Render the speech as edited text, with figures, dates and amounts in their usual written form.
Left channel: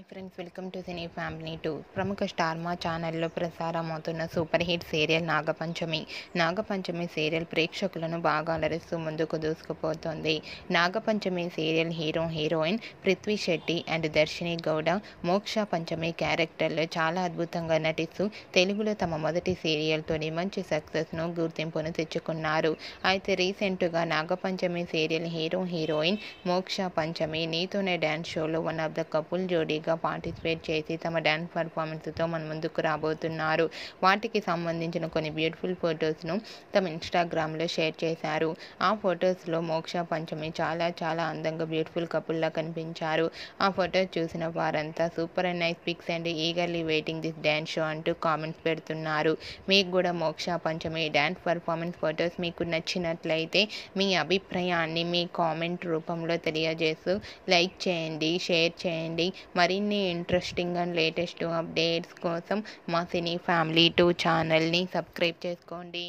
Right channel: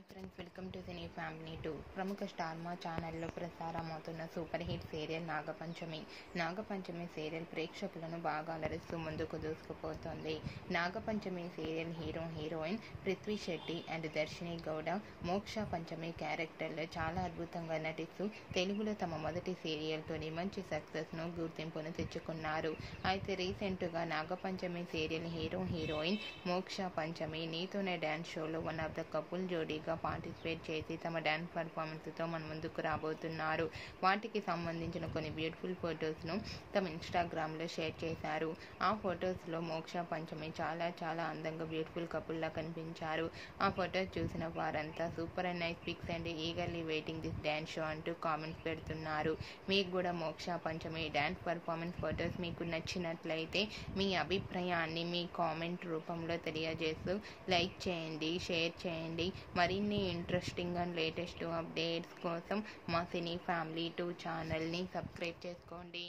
Hi friends, welcome to cine family 2. ప్రముఖ star Maa ఛానల్లో ప్రసారమవుతున్న super hit serial Nagapanchami serial ప్రేక్షకులను బాగా అలరిస్తూ ముందుకు దూసుకుపోతోంది. Nagapanchami serial heroine Prithvi Shetty and Darshini Gowda Moksha Panchami క్యారెక్టర్లో చాలా అద్భుతంగా నటిస్తూ తెలుగులో తమ మొదటి సీరియల్తోని మంచి సక్సెస్ను గుర్తింపును తెచ్చుకున్నారు. అయితే రీసెంట్గా నాగపంచమి సీరియల్ హీరోయిన్ మోక్ష పంచమి నీతోనే డ్యాన్స్ షోలో వన్ ఆఫ్ ద కపుల్ జోడీగా పార్టిసిపేట్ చేసి తమ డ్యాన్స్ పర్ఫార్మెన్స్తో మన ముందుకు రాబోతున్నారు. వాటికి సంబంధించిన కొన్ని బ్యూటిఫుల్ ఫొటోస్ను తమ ఇన్స్టాగ్రామ్లో షేర్ చేశారు. ఆ ఫొటోస్లో మోక్ష పంచమి చాలా అందంగా బ్యూటిఫుల్ కపుల్లా కనిపించారు. ఆ ఫొటోస్ చూసిన వారంతా super and nice pics and eagerly waiting this dance show అంటూ కామెంట్స్ పెడుతున్నారు. మీకు కూడా మోక్ష పంచమి డ్యాన్స్ పర్ఫార్మెన్స్ ఫొటోస్ మీకు నచ్చినట్లయితే మీ అభిప్రాయాన్ని మీ కామెంట్ రూపంలో తెలియజేస్తూ లైక్ చేయండి, షేర్ చేయండి. మరిన్ని ఇంట్రెస్టింగ్ అండ్ లేటెస్ట్ అప్డేట్స్ కోసం మా సినీ ఫ్యామిలీ 2 ఛానల్ని సబ్స్క్రైబ్ చేసుకోండి.